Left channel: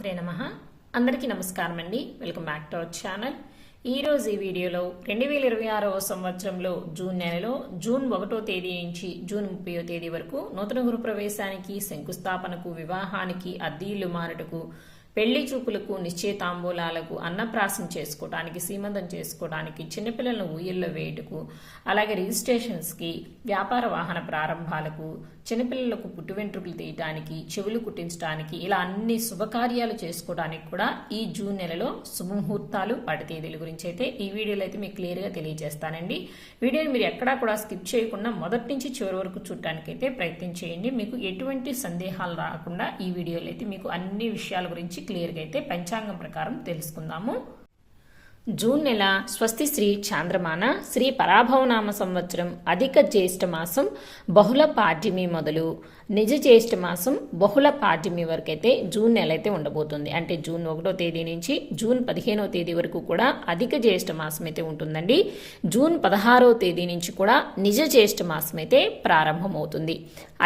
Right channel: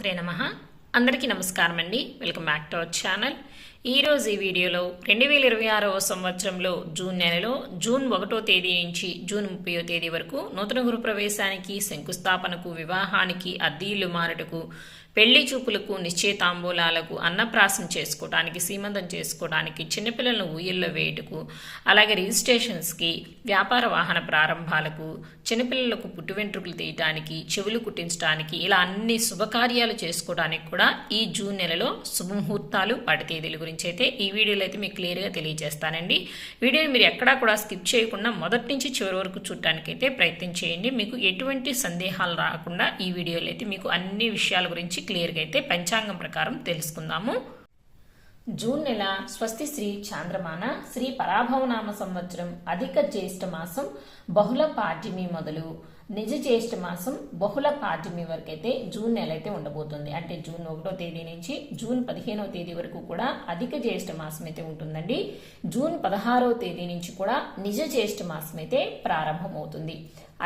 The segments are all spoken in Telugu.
శ్రీమాత్రే నమః. అందరికీ నమస్కారం అండి. Welcome back to our channel. ఈరోజు ఈ వీడియోలో 2026వ సంవత్సరంలో జూన్ నెలలో జూన్ 1వ తేదీ నుంచి జూన్ 30వ తేదీ వరకు నూతన గృహప్రవేశానికి, శంకుస్థాపనకు, వివాహానికి, అద్దె ఇల్లు మారుటకు, పెళ్లి చూపులకు, నిశ్చయితాంబూలాలకు, అన్నప్రాసం చేసుకోవడానికి, సీమంతం చేసుకోవడానికి, చిన్నపిల్లలను ఊయల్లో వేయటకు, అలాగే రిజిస్ట్రేషన్స్కి, వ్యాపార వాహన ప్రారంభాలకు, చిన్నపిల్లలకు పుట్టు వెంట్రుకలు తీయటానికి, చెవులు కుట్టించడానికి, ఇలా అన్ని శుభకార్యాలు చేసుకోవడానికి కూడా ఈ జూన్ నెలలో శుభముహూర్తాలు, వాటి తేదీల గురించి అయితే ఈ వీడియోలో అయితే మీకు క్లియర్గా తెలియజేస్తానండి. వీడియోని మీరు ఎక్కడా కూడా స్కిప్ చేయకుండా మొదటి నుంచి చివరి వరకు చూడటానికైతే ప్రయత్నం చేయండి. మీకు ఎటువంటి సందేహాలు రాకుండా ఈ వీడియోలో అయితే మీకు అన్ని విషయాల గురించి క్లియర్గా అయితే పంచాంగం ప్రకారం తెలుసుకుందాము. జూన్ నెల స్వస్తి శ్రీ చాంద్రమాన శ్రీ పరాభవనామ సంవత్సరం అధిక జ్యేష్ఠ మాసం బహుళ పాడ్యమి మొదలు నిజ జ్యేష్ఠ మాసం బహుళ పాడ్యమి వరకు అయితే జూన్ నెల అయితే ఉండబోతుంది. అంటే జూన్ 1వ తేదీ నుంచి జూన్ 15వ తేదీ వరకు కూడా అధిక జ్యేష్ఠ మాసం అయితే ఉంటుందండి. జూన్ 16వ తేదీ నుంచి కూడా నిజ జ్యేష్ఠ మాసం అయితే ప్రారంభమవుతుంది.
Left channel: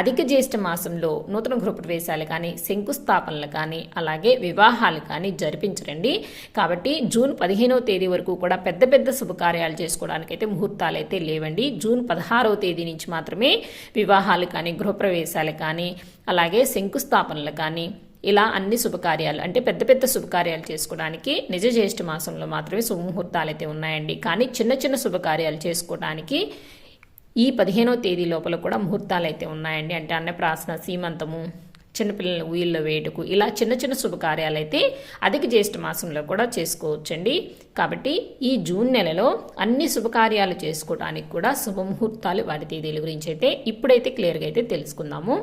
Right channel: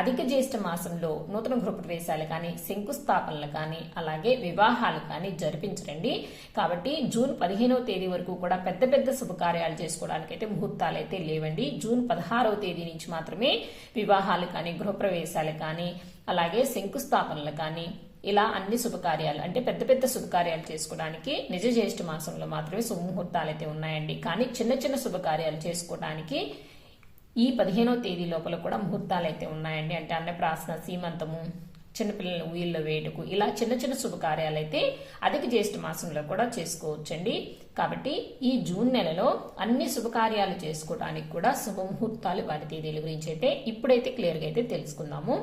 అధిక జ్యేష్ఠ మాసంలో నూతన గృహప్రవేశాలు కానీ, శంకుస్థాపనలు కానీ, అలాగే వివాహాలు కానీ జరిపించరండి. కాబట్టి జూన్ 15వ తేదీ వరకు కూడా పెద్ద పెద్ద శుభకార్యాలు చేసుకోవడానికైతే ముహూర్తాలు అయితే లేవండి. జూన్ 16వ తేదీ నుంచి మాత్రమే వివాహాలు కానీ, గృహప్రవేశాలు కానీ, అలాగే శంకుస్థాపనలు కానీ, ఇలా అన్ని శుభకార్యాలు అంటే పెద్ద పెద్ద శుభకార్యాలు చేసుకోవడానికి నిజ జ్యేష్ఠ మాసంలో మాత్రమే శుభముహూర్తాలు అయితే ఉన్నాయండి. కానీ చిన్న చిన్న శుభకార్యాలు చేసుకోవడానికి ఈ 15వ తేదీ లోపల కూడా ముహూర్తాలు అయితే ఉన్నాయండి. అంటే అన్నప్రాసన, సీమంతము, చిన్నపిల్లల ఊయిల్లో వేయటకు, ఇలా చిన్న చిన్న శుభకార్యాలు అయితే అధిక జ్యేష్ఠ మాసంలో కూడా చేసుకోవచ్చండి. కాబట్టి ఈ జూన్ నెలలో అన్ని శుభకార్యాలు చేసుకోవడానికి కూడా శుభముహూర్తాలు, వాటి తేదీల గురించి అయితే ఇప్పుడైతే క్లియర్గా అయితే తెలుసుకుందాము.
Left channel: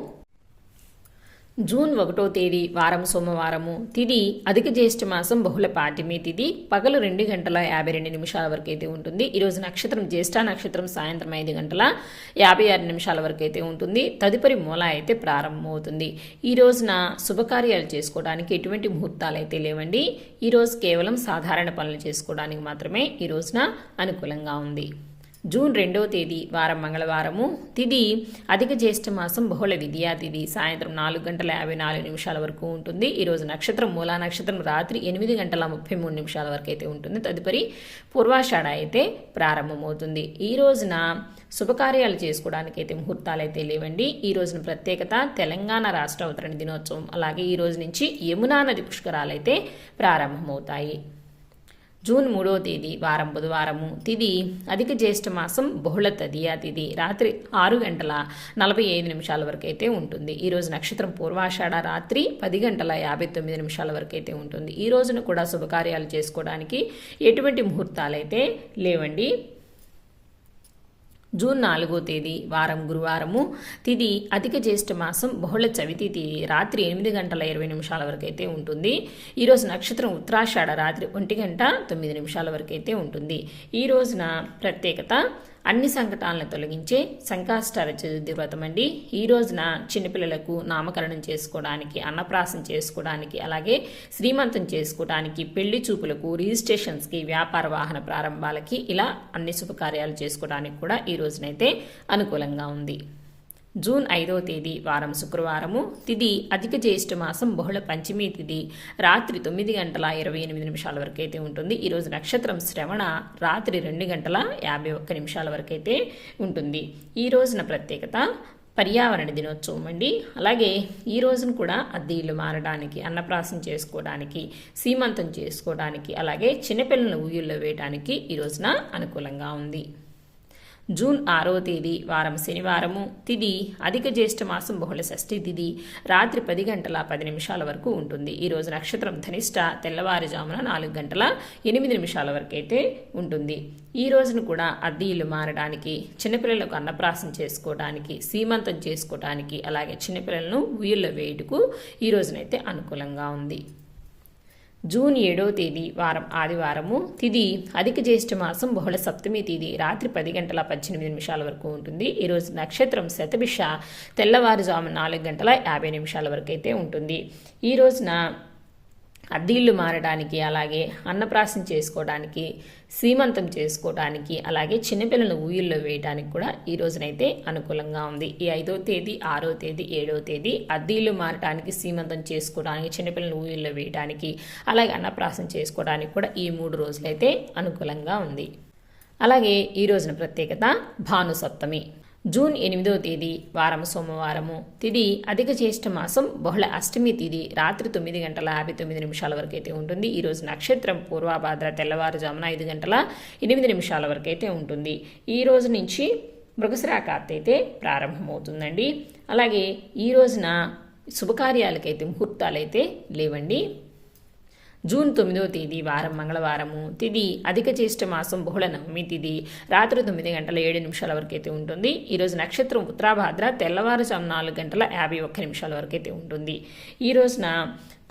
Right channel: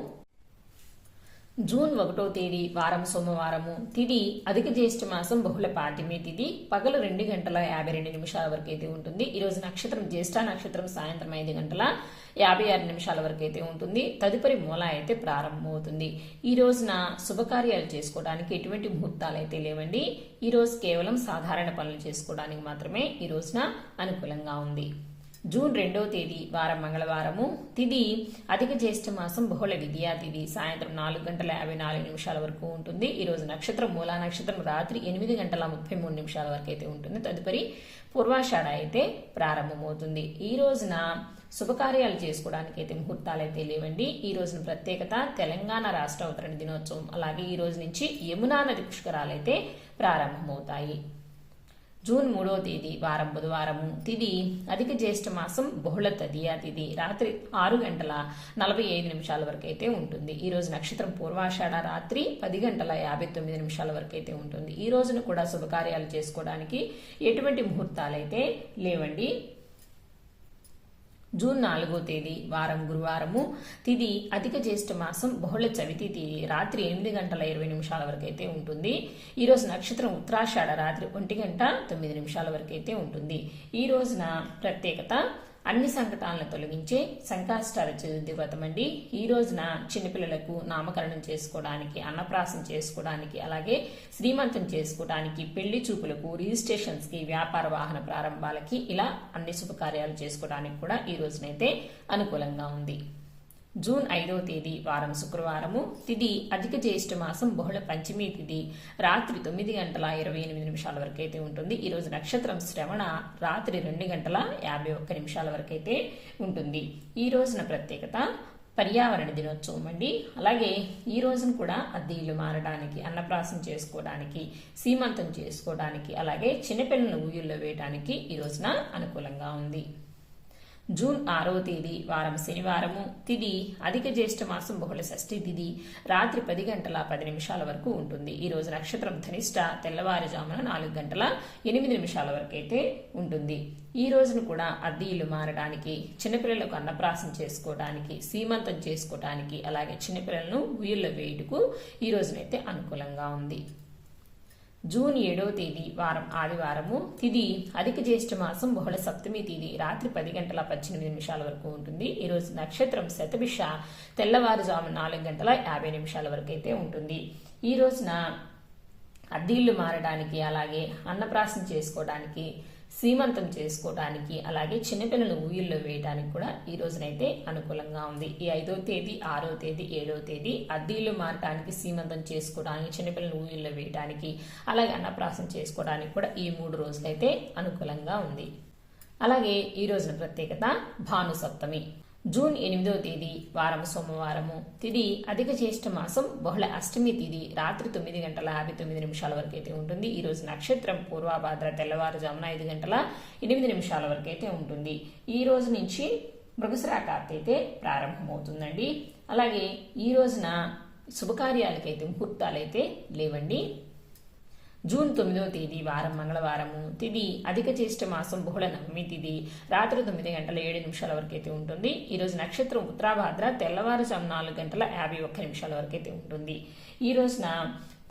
జూన్ 1వ తేదీ వారం సోమవారము, తిథి అధిక జ్యేష్ఠ మాసం బహుళ పాడ్యమి తిథి, పగలు 2:52 వరకు అయితే ఉంటుంది. ఈరోజు నక్షత్రం జ్యేష్ఠ నక్షత్రం సాయంత్రం 5:56 వరకు అయితే ఉంటుంది. తదుపరి మూల అయితే ప్రారంభమవుతుంది. ఈ రోజున శుభకార్యాలు చేసుకోవడానికి ఎటువంటి ముహూర్తాలు అయితే లేవండి. ఈ రోజు కేవలం సాధారణ పనులు చేసుకోవడానికి మాత్రమే ఈ రోజున అనుకూలంగా ఉంది. జూన్ 2వ తేదీ వారం మంగళవారము, తిథి అధిక జ్యేష్ఠ మాసం బహుళ విద్యా తిథి, సాయంత్రం 4:54 వరకు ఉంటుంది. ఈరోజు నక్షత్రం మూలా నక్షత్రం రాత్రి 8:33 వరకు అయితే ఉంటుంది. తదుపరి పూర్వాషాఢ అయితే ప్రారంభమవుతుంది. ఈ రోజున శుభకార్యాలు చేసుకోవడానికి అయితే ముహూర్తాలు అయితే లేవండి. ఈ రోజున ప్రత్యేకత తెలంగాణ రాష్ట్ర అవతరణ దినోత్సవం, అలాగే ఈ రోజు నుంచి యమునా నది పుష్కరాలు అయితే ప్రారంభమవుతాయి. జూన్ 3వ తేదీ వారం బుధవారము, తిథి అధిక జ్యేష్ఠ మాసం బహుళ తదియా తిథి, రాత్రి 6:45 వరకు అయితే ఉంటుంది. ఈ రోజు నక్షత్రం పూర్వాషాఢ, రాత్రి 10:59 వరకు అయితే ఉంటుంది. ఈ రోజున కూడా శుభకార్యాలు చేసుకోవడానికి ఎటువంటి ముహూర్తాలు అయితే లేవండి. జూన్ 4వ తేదీ వారం గురువారము, తిథి అధిక జ్యేష్ఠ మాసం బహుళ చవితి తిథి, రాత్రి 8:20 వరకు అయితే ఉంటుంది. ఈరోజు నక్షత్రం ఉత్తరాషాఢ, రాత్రి 1:09 వరకు అయితే ఉంటుంది. ఈ రోజున ప్రత్యేకత అన్ని సంకటాలను తొలగించే సంకష్టాల చతుర్థి వ్రతం అండి. ఈ రోజున చిన్నపిల్లలకు నామకరణం చేసుకోవడానికి, అన్నప్రాసం చేసుకోవడానికి, అలాగే శ్రీమంతం చేసుకోవడానికి, పెళ్లి చూపులకు, రిజిస్ట్రేషన్స్కి, వ్యాపార వాహన ప్రారంభాలకి, ఇలా అన్ని శుభకార్యాలు చేసుకోవడానికి కూడా ఈ రోజునైతే అనుకూలంగా ఉంది. జూన్ 5వ తేదీ వారం శుక్రవారము, తిథి అధిక జ్యేష్ఠ మాసం బహుళ పంచమి తిథి, రాత్రి 9:28 వరకు అయితే ఉంటుంది. ఈరోజు నక్షత్రం శ్రవణ, రాత్రి 2:51 వరకు అయితే ఉంటుంది. ఈ రోజున ప్రత్యేకత పర్యావరణ దినోత్సవం అండి. అలాగే ఈ రోజును కూడా అద్దె ఇల్లు మారడానికి, అన్నప్రాసం చేసుకోవడానికి, సీమంతం చేసుకోవడానికి, అలాగే చిన్నపిల్లలను ఊయల్లో వేయడానికి ఈ రోజున అనుకూలంగా ఉంది. జూన్ 6వ తేదీ వారం శనివారము, తిథి అధిక జ్యేష్ఠ మాసం బహుళ షష్ఠి తిథి, రాత్రి 10:10 వరకు ఉంటుంది. ఈ రోజు నక్షత్రం ధనిష్ట, తెల్లవారుజామున 4:08 వరకు అయితే ఉంటుంది. ఈ రోజును కూడా అద్దె ఇల్లు మారడానికి, చిన్నపిల్లలకు అన్నప్రాసం చేసుకోవడానికి, సీమంతం చేసుకోవడానికి, అలాగే చిన్నపిల్లలను ఊయల్లో వేయుటకు ఈ రోజునైతే అనుకూలంగా ఉంది. జూన్ 7వ తేదీ వారం ఆదివారము, తిథి అధిక జ్యేష్ఠ మాసం బహుళ సప్తమి తిథి, రాత్రి 10:18 వరకు ఉంటుంది. ఈరోజు నక్షత్రం శతభిష, తెల్లవారుజామున 4:50 వరకు అయితే ఉంటుంది. ఈ రోజున అద్దె ఇల్లు మారడానికి, అలాగే అన్నప్రాసం చేసుకోవడానికి, సీమంతం చేసుకోవడానికి అలాగే చిన్నపిల్లలను ఊయల్లో వేయడానికి కూడా ఈ రోజునైతే అనుకూలంగా ఉంది. ఈ 5వ తేదీ, 6వ తేదీ, 7వ తేదీ అద్దీలు మారటానికి, సీమంతం చేసుకోవడానికి, చిన్నపిల్లలను ఊయల్లో వేయడానికి, అలాగే అన్నప్రాసం చేసుకోవడానికి కూడా ఈ 3 రోజులైతే అనుకూలంగా ఉంది. అలాగే ఈ రోజున ప్రత్యేకత భాను సప్తమి. జూన్ 8వ తేదీ వారం సోమవారము. తిథి అధిక జ్యేష్ఠ మాసం బహుళ అష్టమి తిథి రాత్రి 9:59 వరకు అయితే ఉంటుంది. ఈ రోజు నక్షత్రం పూర్వభాద్ర తెల్లవారుజామున 5:08 వరకు అయితే ఉంటుంది. ఈ రోజు నుంచి మృగశిర కార్తె అయితే ప్రారంభమవుతుందండి. అలాగే ఈ రోజున శుభకార్యాలకైతే ముహూర్తాలైతే లేవండి. జూన్ 9వ తేదీ వారం మంగళవారము. తిథి అధిక జ్యేష్ఠ మాసం బహుళ నవమి తిథి రాత్రి 9:07 వరకు అయితే ఉంటుంది. ఈరోజు నక్షత్రం ఉత్తరాభాద్ర తెల్లవారుజాము 4:51 వరకు అయితే ఉంటుంది. ఈ రోజున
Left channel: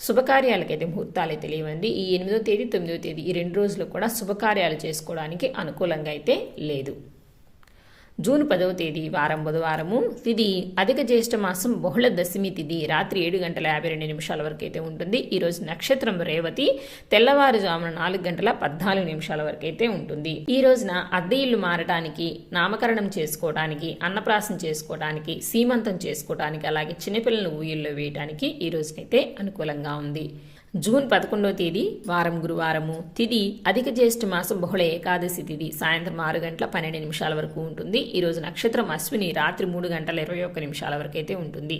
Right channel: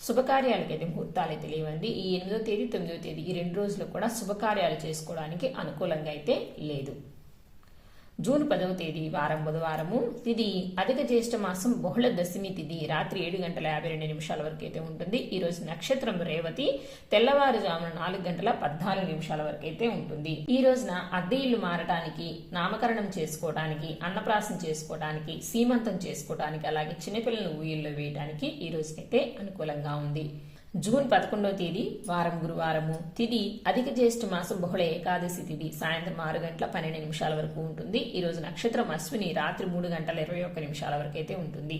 శుభకార్యాలకైతే ముహూర్తాలు అయితే లేవండి. ఈ 8వ తేదీ 9వ తేదీ ఈ 2 రోజులు కూడా శుభకార్యాలు చేసుకోవడానికి అనుకూలంగా అయితే లేదు. జూన్ 10వ తేదీ వారం బుధవారము. తిథి అధిక జ్యేష్ఠ మాసం బహుళ దశమి తిథి రాత్రి 7:52 వరకు అయితే ఉంటుంది. ఈరోజు నక్షత్రం రేవతి తెల్లవారుజామున 4:14 వరకు అయితే ఉంటుంది. ఈ రోజున అద్దె ఇల్లు మారటానికి, నామకరణం చేసుకోవడానికి, అన్నప్రాసం చేసుకోవడానికి, సీమంతం చేసుకోవడానికి, అలాగే చిన్నపిల్లలను ఊయల్లో వేయడానికి ఈ రోజునైతే అనుకూలంగా ఉంది. జూన్ 11వ తేదీ వారం గురువారము. తిథి అధిక జ్యేష్ఠ మాసం బహుళ ఏకాదశి తిథి సాయంత్రం 6:12 వరకు ఉంటుంది. ఈ రోజు నక్షత్రం అశ్విని రాత్రి 3:21 వరకు అయితే ఉంటుంది.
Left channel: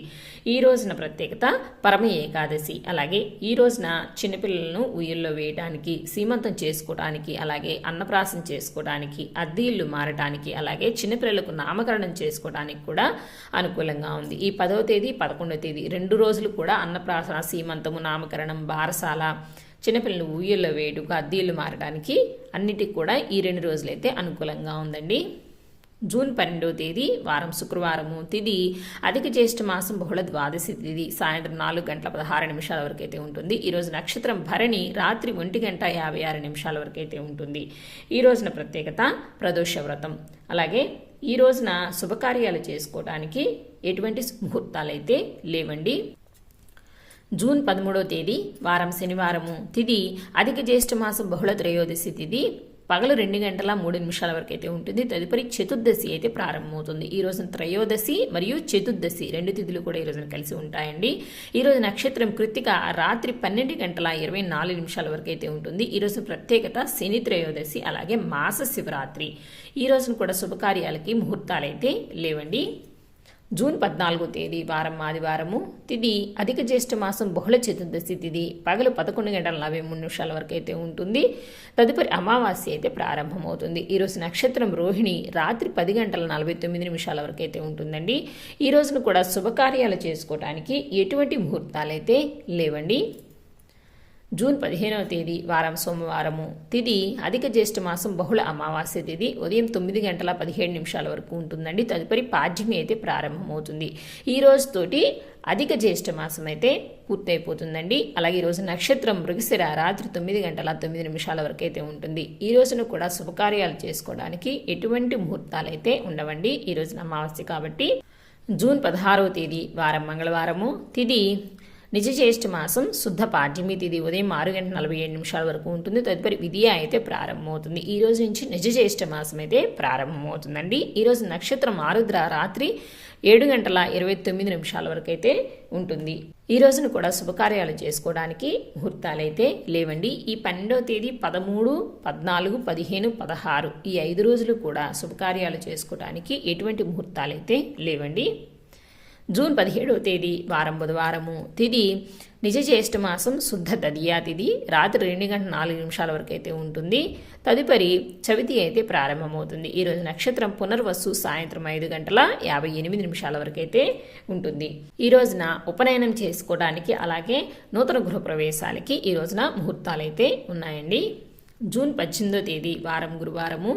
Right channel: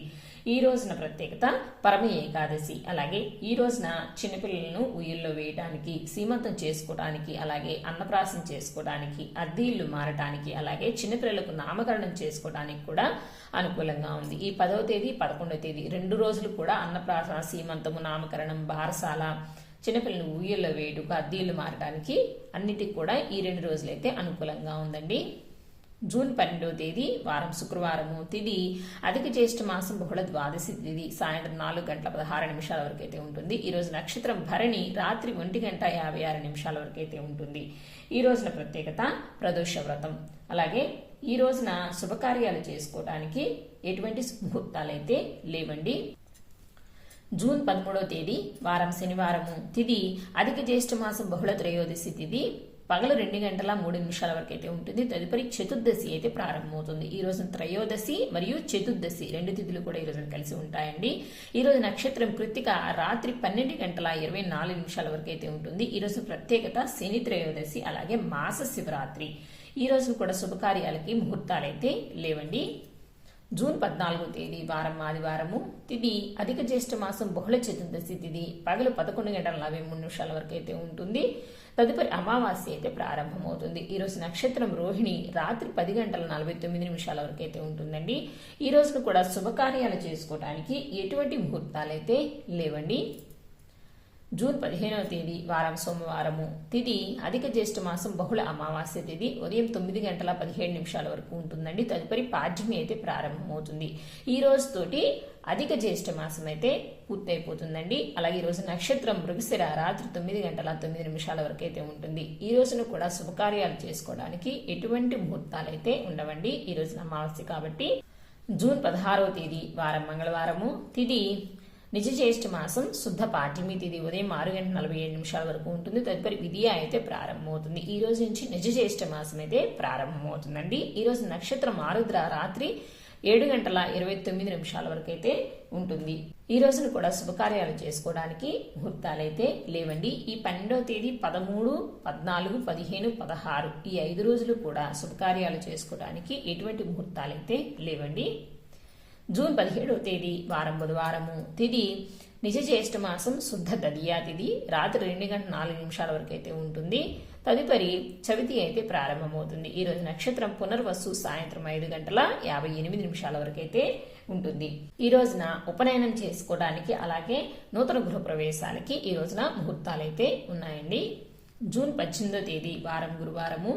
ఈ రోజున ప్రత్యేకత పరమ ఏకాదశి. అలాగే ఈ రోజున చిన్నపిల్లలను ఉయ్యల్లో వేయడానికి, సీమంతం చేసుకోవడానికి, అలాగే అన్నప్రాసం చేసుకోవడానికి, అద్దె ఇల్లు మారటానికి, అలాగే చిన్నపిల్లలకు నామకరణం చేసుకోవడానికి కూడా అనుకూలంగా ఉంది. ఈ 10వ తేదీ 11వ తేదీ 2 రోజులు కూడా అన్నప్రాసన, సీమంతము, నామకరణం, బారసాల, చిన్నపిల్లలు ఊయల్లో వేడుక, అద్దీలు మారడానికి అన్నిటికి కూడా ఈ 2 రోజులైతే అనుకూలంగా ఉందండి. జూన్ 12వ తేదీ వారం శుక్రవారము. తిథి అధిక జ్యేష్ఠ మాసం బహుళ ద్వాదశి తిథి సాయంత్రం 4:16 వరకు అయితే ఉంటుంది. ఈ రోజు నక్షత్రం భరణి రాత్రి 1:56 వరకు అయితే ఉంటుంది. ఈ రోజున ప్రత్యేకత ప్రదోష వ్రతం. అలాగే ఈ రోజున శుభకార్యాలు చేసుకోవడానికి ఎటువంటి ముహూర్తాలు అయితే లేవండి. జూన్ 13వ తేదీ వారం శనివారము. తిథి అధిక జ్యేష్ఠ మాసం బహుళ త్రయోదశి తిథి పగలు 2:03 వరకు అయితే ఉంటుంది. తదుపరి చతుర్దశి అయితే ప్రారంభమవుతుంది. ఈ రోజున త్రయోదశి మరియు చతుర్దశి 2 తిథులు కూడా ఈ రోజున కలిసి ఉంటాయండి. ఈ రోజు నక్షత్రం కృత్తిక రాత్రి 12:24 వరకు అయితే ఉంటుంది. ఈ రోజు ప్రత్యేకత శని త్రయోదశి, అలాగే మాస శివరాత్రి. ఈ రోజున కూడా శుభకార్యాలకి ముహూర్తాలైతే లేవండి. జూన్ 14వ తేదీ వారం ఆదివారము. తిథి అధిక జ్యేష్ఠ మాసం బహుళ చతుర్దశి తిథి పగలు 11:43 వరకు అయితే ఉంటుంది. తదుపరి అమావాస్య అయితే ప్రారంభమవుతుంది. ఈరోజు నక్షత్రం రోహిణి రాత్రి 10:49 వరకు అయితే ఉంటుందండి. ఈ రోజును కూడా శుభకార్యాలు చేసుకోవడానికి ఎటువంటి ముహూర్తాలు అయితే లేవండి. జూన్ 15వ తేదీ వారం సోమవారము. తిథి అధిక జ్యేష్ఠ మాసం బహుళ అమావాస్య తిథి ఉదయం 9:17 వరకు ఉంటుందండి. తదుపరి పాడ్యమి అయితే ప్రారంభమవుతుంది. ఈ రోజుతోటి అధిక జ్యేష్ఠ మాసం అయితే పూర్తయిపోతుందండి. అలాగే ఈ రోజు నక్షత్రం మృగశిర రాత్రి 9:09 వరకు అయితే ఉంటుంది. ఈ రోజును కూడా శుభకార్యాలు చేసుకోవడానికి ఎటువంటి ముహూర్తాలు అయితే ఉండవండి. ఈ రోజున అమావాస్య కాబట్టి. జూన్ 16వ తేదీ వారం మంగళవారము. తిథి నిజ జ్యేష్ఠ మాసం శుద్ధ పాడ్యమి తిథి ఉదయం 6:47 వరకు ఉంటుంది. తదుపరి విధియ అయితే ప్రారంభమవుతుంది. ఈ రోజు నుంచి నిజ జ్యేష్ఠ మాసం అయితే ప్రారంభమవుతుందండి. ఈ రోజు నక్షత్రం ఆరుద్ర రాత్రి 7:29 వరకు అయితే ఉంటుంది. ఈ రోజును కూడా శుభకార్యాలు చేసుకోవడానికి ముహూర్తాలు అయితే లేవండి. ఈ 12వ తేదీ 13, 14, 15, 16 ఈ 5 రోజులు కూడా శుభకార్యాలు చేసుకోవడానికి ఎటువంటి ముహూర్తాలు అయితే లేవండి. జూన్ 17వ తేదీ వారం బుధవారము. తిథి నిజ జ్యేష్ఠ మాసం శుద్ధ తదియా తిథి రాత్రి 2:04 వరకు అయితే ఉంటుంది. తదుపరి చవితి అయితే ప్రారంభమవుతుంది. ఈ రోజు నక్షత్రం పునర్వసు సాయంత్రం 5:58 వరకు అయితే ఉంటుంది. ఈ రోజున ఉపనయనం చేసుకోవడానికి, అలాగే నూతన గృహప్రవేశాలకి ఈ రోజున ముహూర్తాలు అయితే ఉన్నాయండి. జూన్ 18వ తేదీ వారం గురువారము.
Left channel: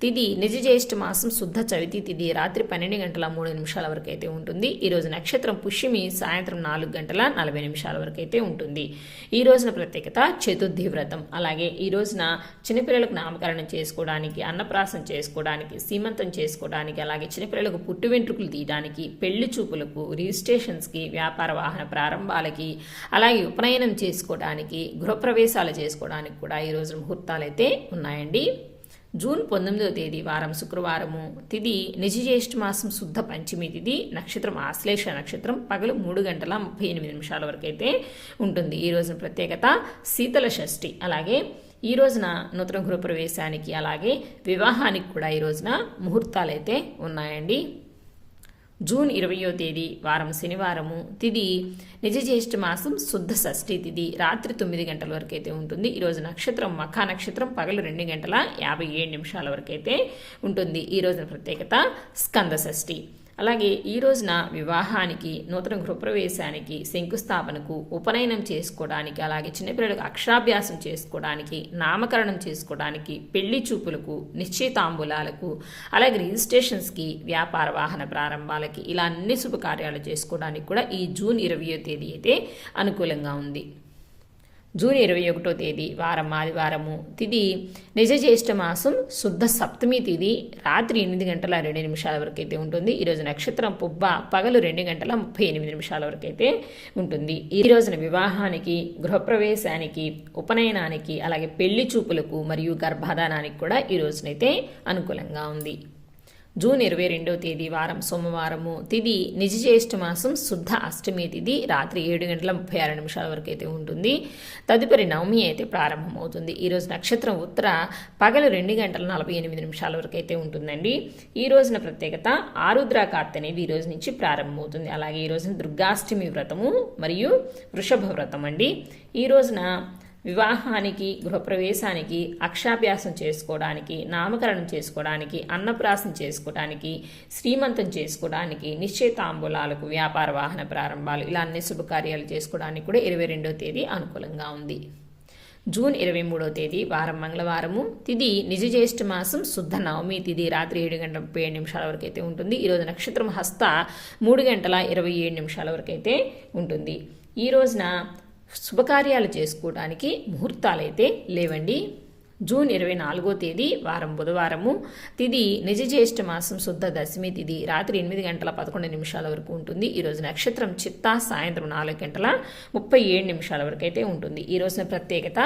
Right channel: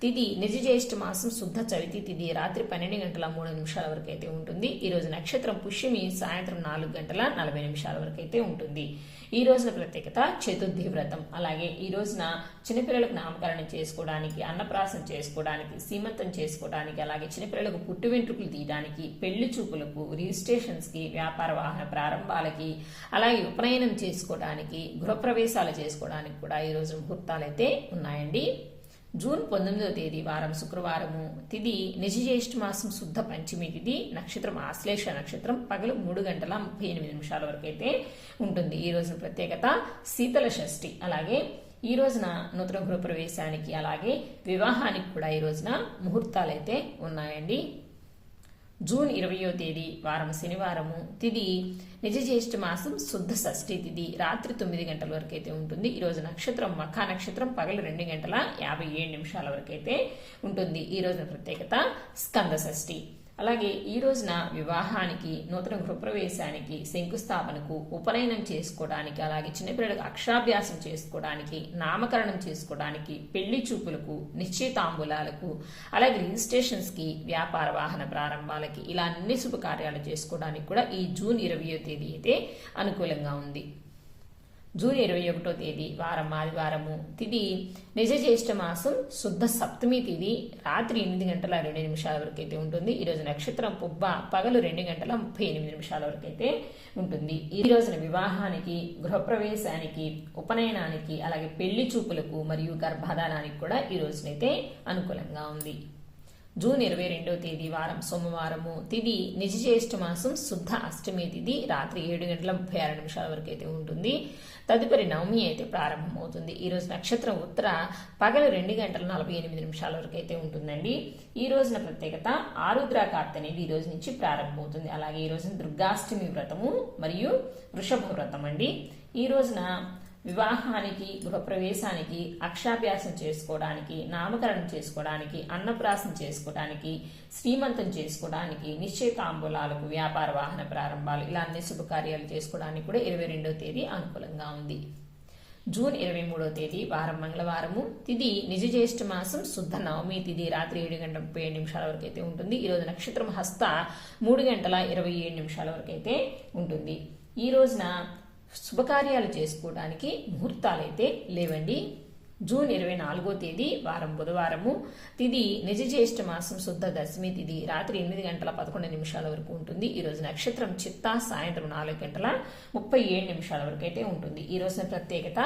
తిథి నిజ జ్యేష్ఠ మాసం శుద్ధ చవితి తిథి రాత్రి 12:03 వరకు అయితే ఉంటుంది. ఈ రోజు నక్షత్రం పుష్యమి సాయంత్రం 4:40 వరకు అయితే ఉంటుంది. ఈ రోజున ప్రత్యేకత చతుర్థి వ్రతం. అలాగే ఈ రోజున చిన్నపిల్లలకు నామకరణం చేసుకోవడానికి, అన్నప్రాసం చేసుకోవడానికి, సీమంతం చేసుకోవడానికి, అలాగే చిన్నపిల్లలకు పుట్టు వెంట్రుకలు తీయడానికి, పెళ్లి చూపులకు, రిజిస్ట్రేషన్స్కి, వ్యాపార వాహన ప్రారంభాలకి, అలాగే ఉపనయనం చేసుకోవడానికి, గృహప్రవేశాలు చేసుకోవడానికి కూడా ఈ రోజు ముహూర్తం ముహూర్తాలైతే ఉన్నాయండి. జూన్ 19వ తేదీ వారం శుక్రవారము, తిథి నిజజ్యేష్ఠ మాసం శుద్ధ పంచమి తిథి, నక్షత్రం ఆశ్లేష నక్షత్రం, పగలు 3:38 వరకు అయితే ఉంటుంది. ఈ రోజున ప్రత్యేకత శీతల షష్ఠి. అలాగే ఈ రోజున నూతన గృహప్రవేశానికి అలాగే వివాహానికి కూడా ఈ రోజున ముహూర్తాలు అయితే ఉన్నాయండి. జూన్ 20వ తేదీ వారం శనివారము, తిథి నిజజ్యేష్ఠ మాసం శుద్ధ షష్ఠి తిథి, రాత్రి 9 గంటల వరకు అయితే ఉంటుంది. ఈరోజు నక్షత్రం మఖా నక్షత్రం, పగలు 2:57 వరకు అయితే ఉంటుంది. ఈ రోజున ప్రత్యేకత స్కంద షష్ఠి. అలాగే ఈ రోజున వివాహానికి, నూతన గృహప్రవేశానికి, శంకుస్థాపనకు, ఉపనయనం చేసుకోవడానికి, అలాగే చిన్నపిల్లలకు అక్షరాభ్యాసం చేసుకోవడానికి, నామకరణం చేసుకోవడానికి, పెళ్లి చూపులకు, నిశ్చయితాంబూలాలకు, అలాగే రిజిస్ట్రేషన్స్కి, వ్యాపార వాహన ప్రారంభాలకి, ఇలా అన్ని శుభకార్యాలు చేసుకోవడానికి కూడా ఈ జూన్ 20వ తేదీ అయితే అనుకూలంగా ఉంది. జూన్ 21వ తేదీ వారం ఆదివారము, తిథి నిజజ్యేష్ఠ మాసం శుద్ధ సప్తమి తిథి, రాత్రి 8:02 వరకు అయితే ఉంటుంది. ఈరోజు నక్షత్రం పుబ్బ, పగలు 2:38 వరకు అయితే ఉంటుంది. ఈ రోజున వివాహానికి, గృహప్రవేశానికి, ఉపనయనానికి, అలాగే పెళ్లి చూపులకు మరియు గర్భధానానికి కూడా ఈ రోజునైతే అనుకూలంగా ఉంది. జూన్ 22వ తేదీ వారం సోమవారము, తిథి నిజజ్యేష్ఠ మాసం శుద్ధ అష్టమి తిథి, రాత్రి 7:36 వరకు అయితే ఉంటుంది. తదుపరి నవమి అయితే ప్రారంభమవుతుంది. ఈరోజు నక్షత్రం ఉత్తర, పగలు 2:48 వరకు అయితే ఉంటుందండి. ఈ రోజున ప్రత్యేకత ఆరుద్ర కార్తె అనేది ఈ రోజు నుంచి ప్రారంభమవుతుంది. అలాగే ఈ రోజున దుర్గాష్టమి వ్రతము మరియు వృషభ వ్రతం అండి. ఈ రోజున వివాహానికి, గృహప్రవేశానికి, అక్షాభ్యాసం చేసుకోవడానికి, నామకరణం చేసుకోవడానికి, అన్నప్రాసం చేసుకోవడానికి, శ్రీమంతం చేసుకోవడానికి, నిశ్చయితాంబూలాలకు, వ్యాపార వాహన ప్రారంభాలు, ఇలా అన్ని శుభకార్యాలు చేసుకోవడానికి కూడా 22వ తేదీ అనుకూలంగా ఉంది. జూన్ 23వ తేదీ వారం మంగళవారము, తిథి నిజజ్యేష్ఠ మాసం శుద్ధ నవమి తిథి, రాత్రి 7:37 వరకు అయితే ఉంటుంది. ఈరోజు నక్షత్రం హస్త 3:27 వరకు అయితే ఉంటుంది. ఈ రోజున శుభకార్యాలు చేసుకోవడానికి ముహూర్తాలైతే లేవండి. జూన్ 24వ తేదీ వారం బుధవారము, తిథి నిజజ్యేష్ఠ మాసం శుద్ధ దశమి తిథి, రాత్రి 8:11 వరకు ఉంటుంది. ఈరోజు నక్షత్రం చిత్తా, సాయంత్రం 4:37 వరకు అయితే ఉంటుంది. ఈ రోజున ప్రత్యేకత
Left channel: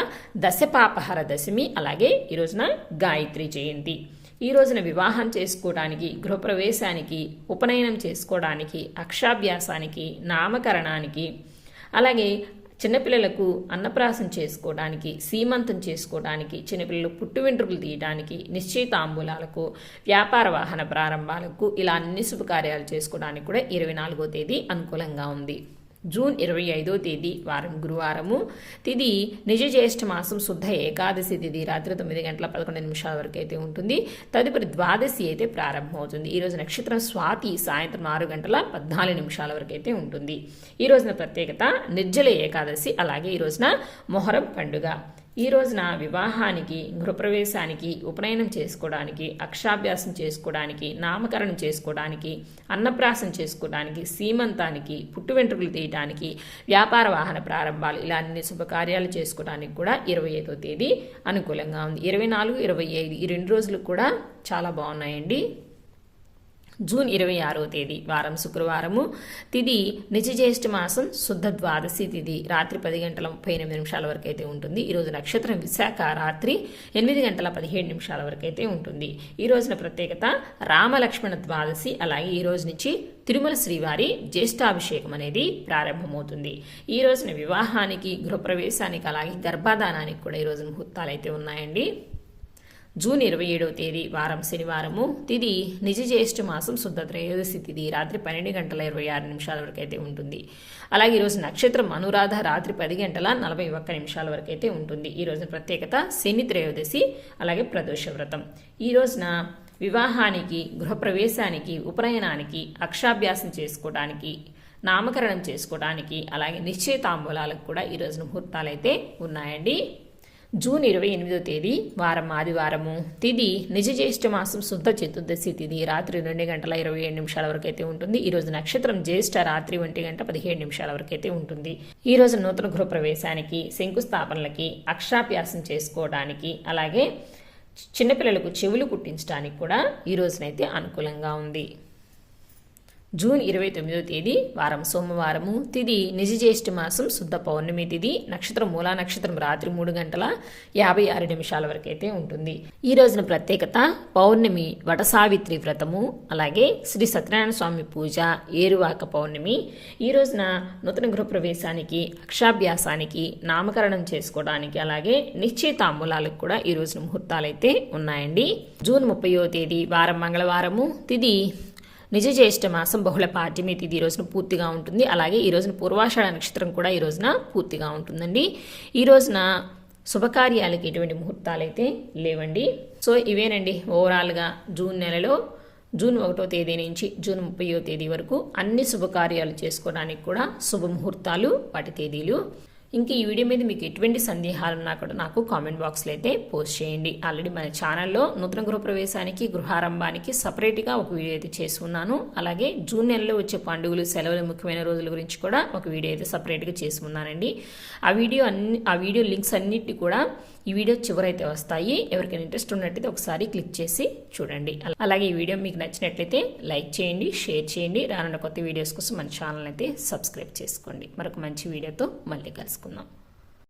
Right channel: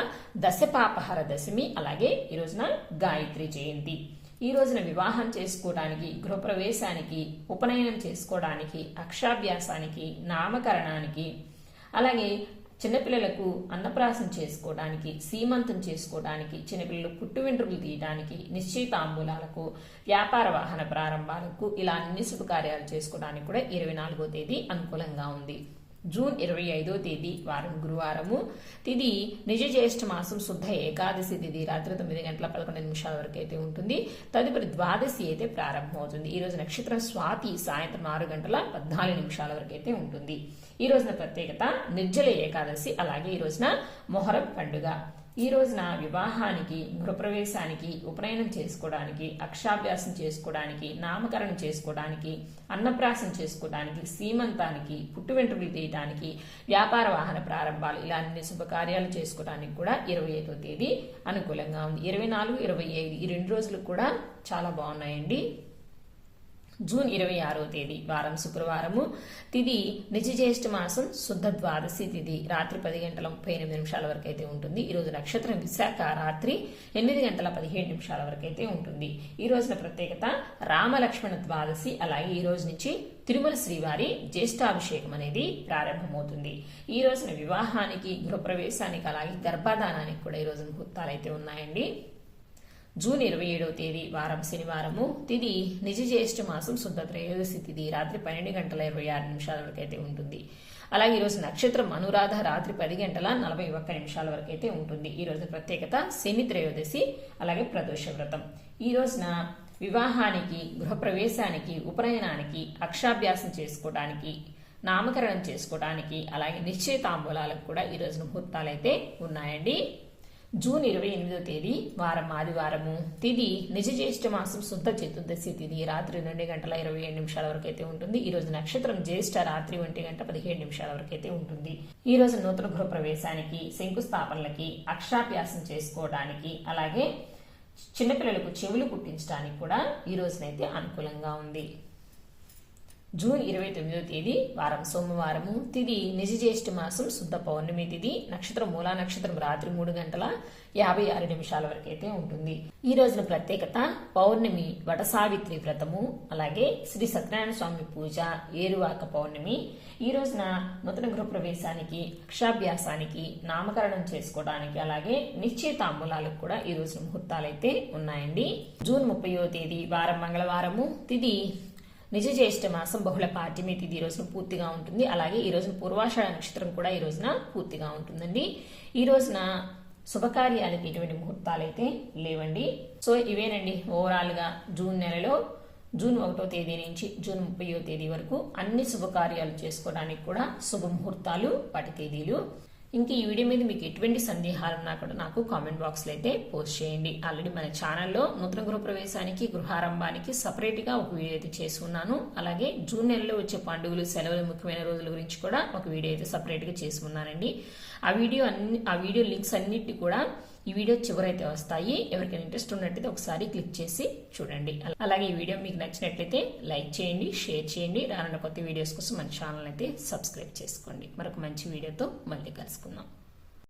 దశపాపహర దశమి, అలాగే ఈ రోజున గాయత్రి జయంతి. ఈ రోజున వివాహం చేసుకోవడానికి, గృహప్రవేశానికి, ఉపనయనం చేసుకోవడానికి, అక్షరాభ్యాసానికి, నామకరణానికి, అలాగే చిన్నపిల్లలకు అన్నప్రాసం చేసుకోవడానికి, సీమంతం చేసుకోవడానికి, చిన్నపిల్లలు పుట్టు వెంట్రుకలు తీయడానికి, నిశ్చయితాంబూలాలకు, వ్యాపార వాహన ప్రారంభాలకు, ఇలా అన్ని శుభకార్యాలు చేసుకోవడానికి కూడా 24వ తేదీ అనుకూలంగా ఉంది. జూన్ 25వ తేదీ వారం గురువారము, తిథి నిజజ్యేష్ఠ మాసం శుద్ధ ఏకాదశి తిథి, రాత్రి 9:11 వరకు అయితే ఉంటుంది. తదుపరి ద్వాదశి అయితే ప్రారంభమవుతుంది. ఈ రోజు నక్షత్రం స్వాతి, సాయంత్రం 6:14 వరకు అయితే ఉంటుంది. ఈ రోజున ప్రత్యేకత నిర్జల ఏకాదశి, అలాగే ఈ రోజున మొహరం పండుగ. ఈ రోజున వివాహానికి, గృహప్రవేశానికి, ఉపనయనం చేసుకోవడానికి, అక్షరాభ్యాసం చేసుకోవడానికి, నామకరణం చేసుకోవడానికి, అన్నప్రాసం చేసుకోవడానికి, సీమంతానికి, పుట్టు వెంట్రుకలు తీయడానికి, వ్యాపార వాహన ప్రారంభాలు, ఇలా అన్ని శుభకార్యాలు చేసుకోవడానికి కూడా 25వ తేదీ అనుకూలంగా ఉంది. 24, 25 ఈ 2 రోజులు కూడా చాలా బాగున్నాయండి. జూన్ 26వ తేదీ వారం శుక్రవారము, తిథి నిజజ్యేష్ఠ మాసం శుద్ధ ద్వాదశి తిథి, రాత్రి 10:38 వరకు అయితే ఉంటుంది. ఈరోజు నక్షత్రం విశాఖ, రాత్రి 8:17 వరకు అయితే ఉంటుంది. ఈ రోజున ప్రత్యేకత రామలక్ష్మణ ద్వాదశి, అలాగే ఈ రోజు నుంచి తిరుమల శ్రీవారి జ్యేష్ఠాభిషేకం అనేది ప్రారంభమవుతుంది. ఈ రోజున వివాహానికి, గృహప్రవేశానికి, అలాగే గర్భాధానానికి కూడా ఈ రోజు ముహూర్తాలు అయితే ఉన్నాయండి. జూన్ 27వ తేదీ వారం శనివారము, తిథి నిజజ్యేష్ఠ మాసం శుద్ధ త్రయోదశి తిథి, రాత్రి 12:26 వరకు అయితే ఉంటుంది. అలాగే ఈరోజు నక్షత్రం అనురాధ, రాత్రి 10:41 వరకు అయితే ఉంటుంది. ఈ రోజు ప్రత్యేకత శని త్రయోదశి, అలాగే ప్రదోష వ్రతం. ఈ రోజున వివాహానికి, గృహప్రవేశానికి, ఉపనయనానికి, అక్షరాభ్యాసం చేసుకోవడానికి, నామకరణం చేసుకోవడానికి, అలాగే నిశ్చయితాంబూలాలకు కూడా ఈ రోజున ముహూర్తాలు అయితే ఉన్నాయండి. జూన్ 28వ తేదీ వారం ఆదివారము, తిథి నిజజ్యేష్ఠ మాసం శుద్ధ చతుర్దశి తిథి, రాత్రి 2:27 వరకు అయితే ఉంటుంది. ఈ రోజు నక్షత్రం జ్యేష్ఠ, రాత్రి 1:17 వరకు అయితే ఉంటుంది. ఈ రోజు నూతన గృహప్రవేశానికి, శంకుస్థాపనలకి, అక్షరాభ్యాసం చేసుకోవడానికి, అలాగే చిన్నపిల్లలకు చెవులు కుట్టించడానికి కూడా ఈ రోజునైతే అనుకూలంగా ఉంది. జూన్ 29వ తేదీ వారం సోమవారము. తిథి నిజజ్యేష్ఠ మాసం శుద్ధ పౌర్ణమి తిథి. నక్షత్రం మూలా నక్షత్రం రాత్రి 3:56 వరకు అయితే ఉంటుంది. ఈ రోజున ప్రత్యేకత పౌర్ణమి వటసావిత్రి వ్రతము, అలాగే శ్రీ సత్యనారాయణ స్వామి పూజ, ఏరువాక పౌర్ణమి. ఈ రోజున నూతన గృహప్రవేశానికి, అక్షాభ్యాసానికి, నామకరణం చేసుకోవడానికి, అలాగే నిశ్చయితాంబూలాలకు కూడా ఈ రోజున ముహూర్తాలు అయితే ఉన్నాయండి. జూన్ 30వ తేదీ వారం మంగళవారము. తిథి నిజజ్యేష్ఠ మాసం బహుళ పాడ్యమి తిథి ఈ రోజున పూర్తిగా ఉంటుంది. అలాగే ఈ రోజున పూర్వాషాఢ నక్షత్రం కూడా ఈ రోజున పూర్తిగా ఉంటుందండి. ఈ రోజున శుభకార్యాలకి ఎటువంటి ముహూర్తాలు అయితే లేవండి. సో ఇవేనండి ఓవరాల్గా జూన్ నెలలో జూన్ 1వ తేదీ నుంచి జూన్ 30వ తేదీ వరకు అన్ని శుభకార్యాలు చేసుకోవడానికి కూడా శుభముహూర్తాలు, వాటి తేదీలు. ఇంక ఈ వీడియో మీద మీకు ఎటువంటి సందేహాలు ఉన్నా కూడా నాకు కామెంట్ బాక్స్లో అయితే పోస్ట్ చేయండి. ఆల్రెడీ మన ఛానల్లో నూతన గృహప్రవేశానికి, గృహారంభానికి సపరేట్గా ఒక వీడియో అయితే చేసుకున్నాను. అలాగే జూన్ నెలలో వచ్చే పండుగలు, సెలవులు, ముఖ్యమైన రోజుల గురించి కూడా ఒక వీడియో అయితే సపరేట్గా చేసుకున్నానండి. ఆ వీడియో లింక్స్ అన్నిటి కూడా ఈ వీడియో చివరైతే వస్తాయి. ఎవరికైనా ఇంట్రెస్ట్ ఉన్నట్టయితే ఒకసారి క్లిక్ చేసి చూడండి. అలాగే ఈ వీడియో మీకు నచ్చినట్లయితే లైక్ చేయండి, షేర్ చేయండి. రానున్న కొత్త వీడియోస్ కోసం మన ఛానల్ అయితే సబ్స్క్రైబ్ చేసుకోండి. మరొక మంచి వీడియోతో మళ్ళీ కలుసుకుందాం.